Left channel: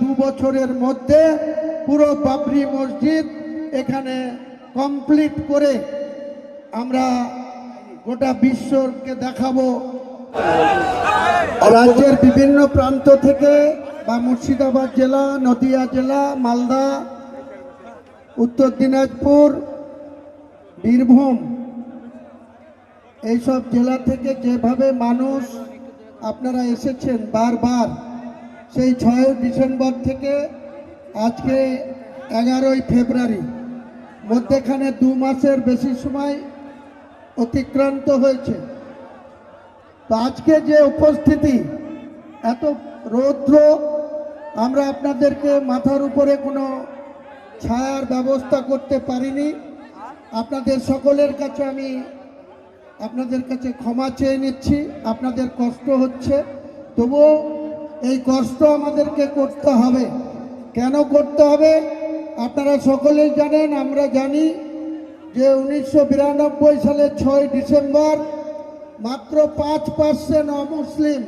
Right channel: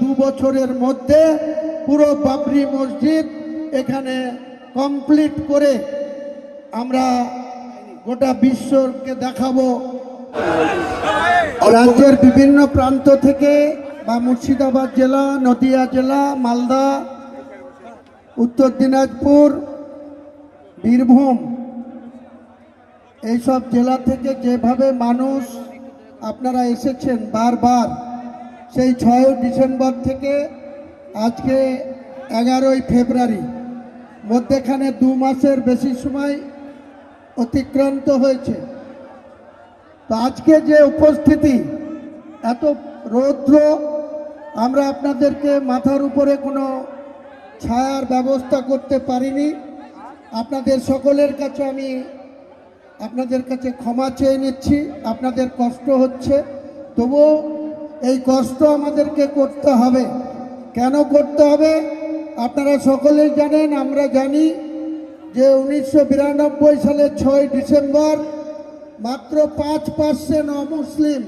দু বছরের মধ্যে পুরো বাবরি মসজিদ এখানে কমপ্লিট করে আমরা গোটা বিশ্বকে দেখাবো। রাজ্যের বিভিন্ন প্রান্ত থেকে বা মুর্শিদাবাদ জেলা, নদিয়া জেলা, মালদা, উত্তর দিনাজপুর, বীরভূম, এইসব জেলা থেকে যেভাবে মানুষ আপনারা এসেছেন বারবার সেই ছয় ডিসেম্বর থেকে আজকে এগারোই ফেব্রুয়ারি। মধ্যেখানে দু মাসের বেশি সময় অতিক্রান্ত হয়েছে। তো আজকে যে উপস্থিতি, এত রৌদ্র, আমরা আপনাদেরকে মাথার উপরে কোনো ছায়ার ব্যবস্থা করতে পারিনি। আপনাদের সকলের কাছে আমি আপনাদের কাছে ক্ষমা চেয়ে নিচ্ছি। আপনাদের কষ্ট হচ্ছে। তবুও এই কষ্ট আমাদেরকে করতে হবে। কেন করতে হবে? আপনারা সকলেই জানেন, আমরা জানি যে উনিশশো সালের ছয় ডিসেম্বর মাত্র পাঁচ পার্সেন্ট অমুসলিম,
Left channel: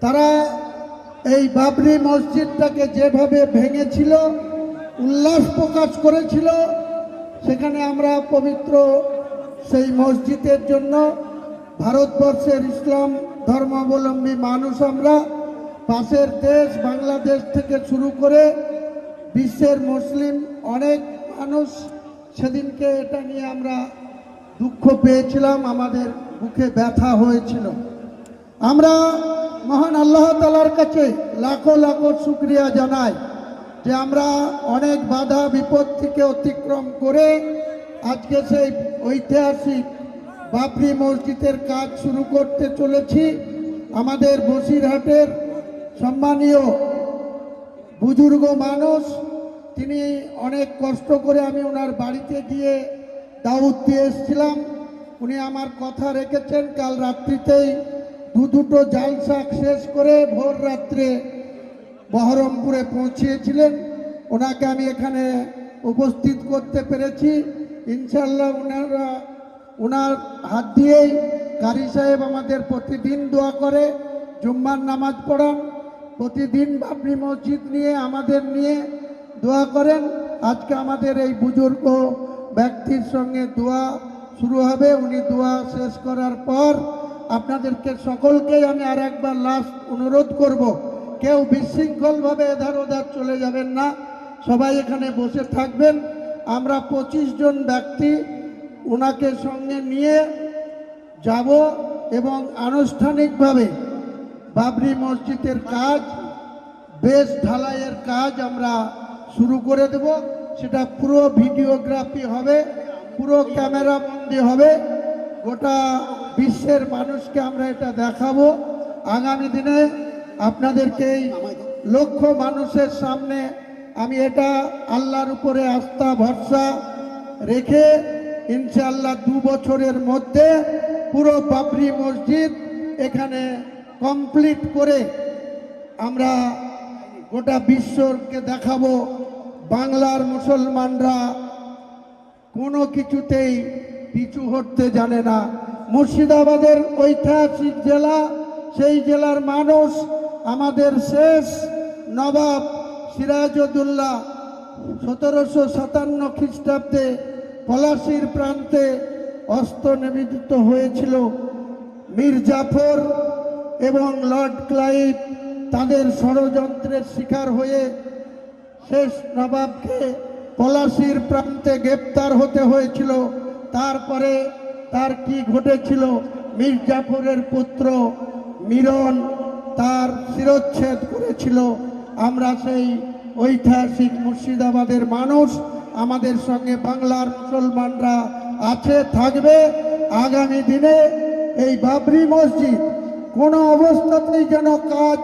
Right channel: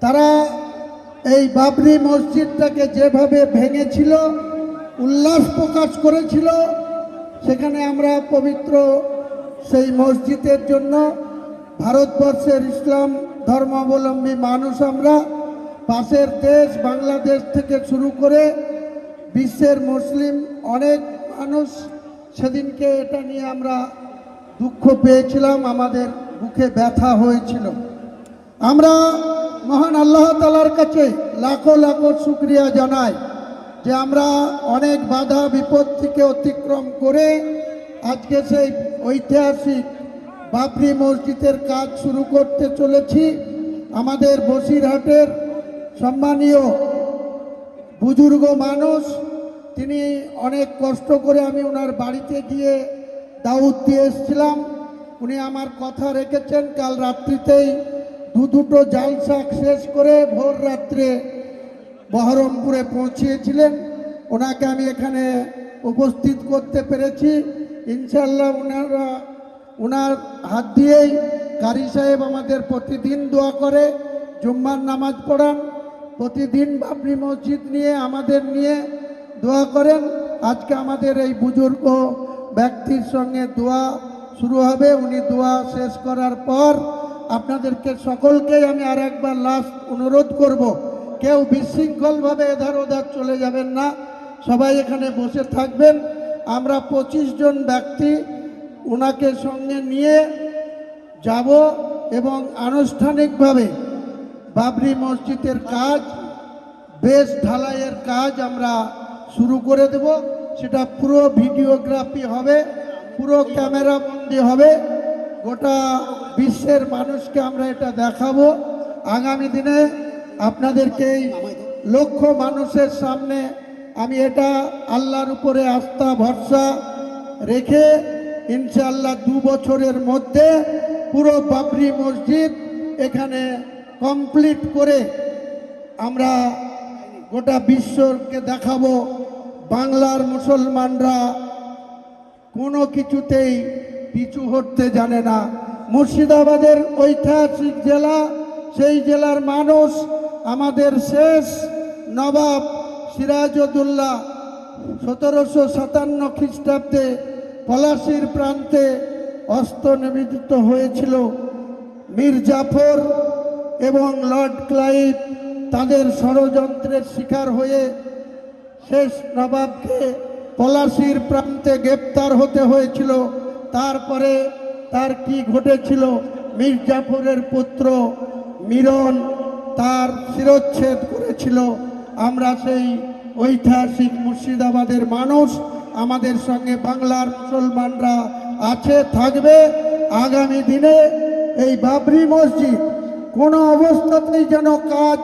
তারা এই বাবরি মসজিদটাকে যেভাবে ভেঙেছিল, উল্লাস প্রকাশ করেছিল, সেখানে আমরা পবিত্র সেই মসজিদের জন্য ভারতবর্ষের ইসলাম ধর্মাবলম্বী মানুষ আমরা। পাশের দেশ বাংলাদেশ থেকে শুরু করে বিশ্বের মুসলিম অনেক মানুষ সেদিনকে এটা নিয়ে আমরা দুঃখ পেয়েছিলাম, আমাদের বুকে ব্যথা হয়েছিল। আমরা মহান আল্লাহ তালার কাছে লাখো লাখো শুক্রিয়া জানাই যে আমরা অনেক বাধা বিপত্তিকে অতিক্রম করে আজকে সেই ঐতিহাসিক বাবরি মসজিদের কাজ শুরু করতে চলেছি। আমাদের বসিরহাটের সম্মানীয় বুজুর্গ মানুষ, তিনি অনেক কষ্ট করে আমি ওনার বাড়িতে গিয়ে দাউদ দিয়ে এসেছিলাম। উনি আমার কথা রেখেছেন, কাল রাত্রিতেই দু দুটো জাল শাক শেষ করে ভোর রাত্রে বহরমপুরে পৌঁছিয়েছিলেন। ওনাকে আমি এখানে উপস্থিত করতে পেরেছি। ইনশাল্লাহ ওনারা, ওনার হাত দিয়েই কারি সাহেব আমাদের প্রতিদিন দোয়া করে, জুম্মার নামাজ পড়ান। প্রতিদিন বাবরি মসজিদ নিয়ে, আমাদের নিয়ে দোয়া করেন। আজকে আমাদের এই বুজুর্গ ব্যক্তির সঙ্গে দোয়া শুরু হবে। উনি দোয়া শেষ করার পর আপনাদেরকে সকলকেই আমি আর একবার লাস্ট অনুরোধ করব, কেউ বিশৃঙ্খলভাবে এধার ওধার চলে যাবেন না। সবাই এখানে বসে থাকবেন। আমরা পঁচিশ জন ব্যক্তি ওনাকে সঙ্গে নিয়ে যাব এবং আনুষ্ঠানিকভাবে বাবরি মসজিদের কাজ, বেশ ঢালাইয়ের কাজ আমরা শুরু করে দেব। সেটা পুরো ভিডিওগ্রাফি হবে, পুরো ক্যামেরা বন্দি হবে। গোটা বিশ্বের মানুষকে আমরা এটা দেখাবো। আগামী দিনে আপনাদেরকে এই লক্ষ মানুষের সামনে আমি এটা আল্লাহর উপরে আস্থা, ভরসা রেখে ইনশাআল্লাহ দু বছরের মধ্যে পুরো বাবরি মসজিদ এখানে কমপ্লিট করে আমরা গোটা বিশ্বকে দেখাবো। বাংলার মুসলমানরা কোনো কিছুতেই পিছু হটতে জানে না। মুর্শিদাবাদের ঐতিহাসিক জেলা, সেই জেলার মানুষ আমাদের শেষ নবাব সিরাজউদ্দৌলা সতেরোশো সাতান্ন খ্রিস্টাব্দে পলাশির প্রান্তে অস্ত্র নিবেদিত হয়েছিল। মীর জাফর এবং লর্ড ক্লাইভ তাদের ষড়যন্ত্রের শিকার হয়ে শেষ নবাবকে পলাশির প্রান্তে গ্রেপ্তার হতে হয়েছিল। তারপরে তার কি ঘটেছিল? মীর জাফরের পুত্র মিরন তার শিরচ্ছেদ করেছিল। আমরা সেই ঐতিহাসিক মুর্শিদাবাদের মানুষ, আমাদের সঙ্গে বাংলার মুসলমানরা আছে, থাকবে। আগামী দিনে এই বাবরি মসজিদ কোনো অবস্থাতেই যেন কাজ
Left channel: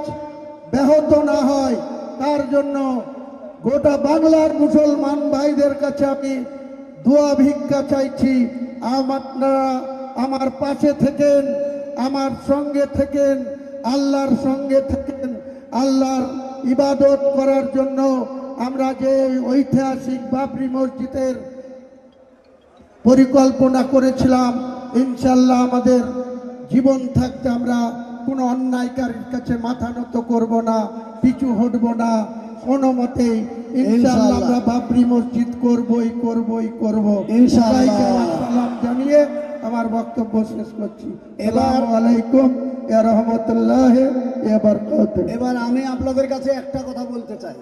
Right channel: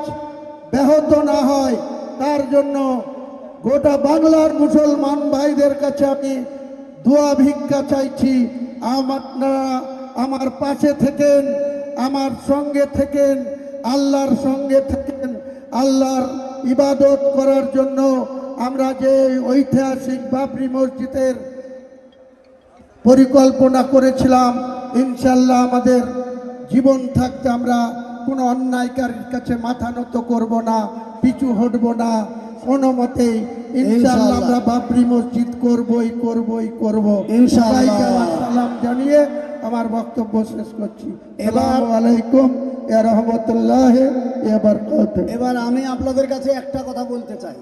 ব্যাহত না হয়, তার জন্য গোটা বাংলার মুসলমান ভাইদের কাছে আমি দোয়া ভিক্ষা চাইছি। আপনারা আমার পাশে থেকেন, আমার সঙ্গে থেকেন, আল্লাহর সঙ্গে থেকেন, আল্লাহর ইবাদত করার জন্য আমরা যে ঐতিহাসিক বাবরি মসজিদের পরিকল্পনা করেছিলাম ইনশাল্লাহ আমাদের জীবন থাকতে আমরা কোনো অন্যায়কারীর কাছে মাথা নত করব না পিছু হটব না। কোনো মতে ইনশাআল্লাহ। আমরা বাবরি মসজিদ করবই করবই করব। ইনশাআল্লাহ। সবাইকে আমার সালাম জানিয়ে আমার বক্তব্য শেষ করছি। এবার- এবার আলাইকুম ইয়া রহমতুল্লাহ বারাকাতুহু। এবার আমি আপনাদের কাছে একটা কথা বলতে চাই।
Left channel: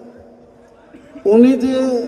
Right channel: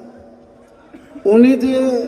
উনি যে